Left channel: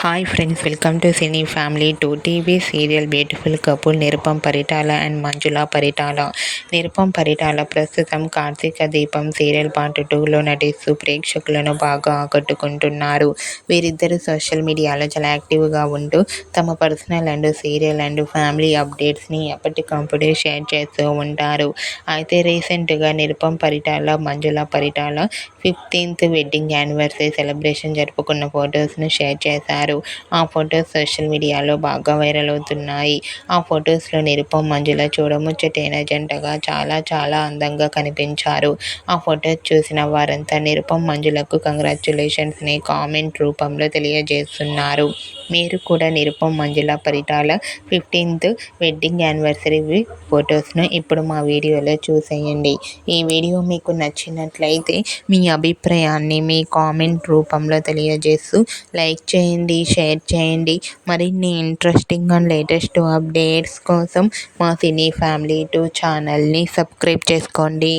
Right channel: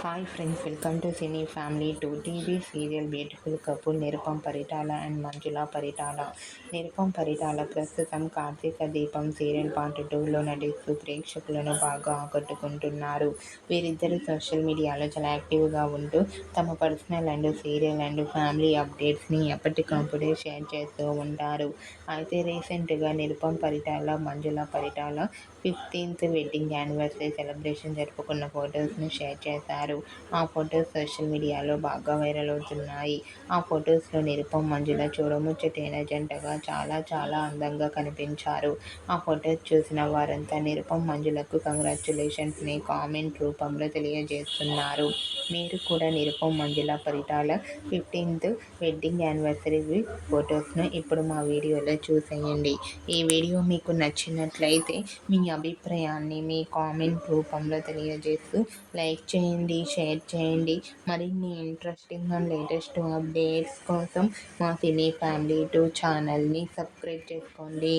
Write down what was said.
Hi friends, welcome to cine family. 2 TV serial beautiful couple Nirupam Paritala and Manjula Paritala. Nirupam Paritala ప్రస్తుతం కార్తీక దీపం serial part 2లో నటిస్తూ ప్రేక్షకులను బాగా ఆకట్టుకుంటున్నారు. వీరిద్దరూ సోషల్ మీడియాలో చాలా యాక్టివ్గా ఉంటూ తమ personal and serial and family అప్డేట్స్ని ఎప్పటికప్పుడు షేర్ చేస్తూ ఉంటారు. అయితే రీసెంట్గా Nirupam Paritala, Manjula Paritala 15th wedding anniversary celebration జరుపుకున్న ఫొటోస్ను షేర్ చేశారు. ఆ ఫొటోస్ సోషల్ మీడియాలో బాగా వైరల్ అవుతున్నాయి. ఆ ఫొటోస్లో నిరుపమ్, మంజుల చూడముచ్చటైన జంటగా చాలా చాలా అందంగా కనిపించారు. ఆ ఫొటోస్ చూసిన వారంతా నిరుపమ్, మంజులకు కంగ్రాచ్యులేషన్స్ని కామెంట్ రూపంలో తెలియజేస్తున్నారు. మీరు కూడా నిరుపమ్, మంజుల పరిటాల 15th వెడ్డింగ్ యానివర్సరీ ఫొటోస్ను ఇప్పుడు మా వీడియోలో చూసేయండి. ఈ వీడియో మీకు నచ్చినట్లయితే మీ అభిప్రాయాన్ని మీ కామెంట్ రూపంలో తెలియజేస్తూ లైక్ చేయండి, షేర్ చేయండి. మరిన్ని ఇంట్రెస్టింగ్ అండ్ లేటెస్ట్ అప్డేట్స్ కోసం మా సినీ ఫ్యామిలీ 2 ఛానల్ని సబ్స్క్రైబ్ చేసుకోండి.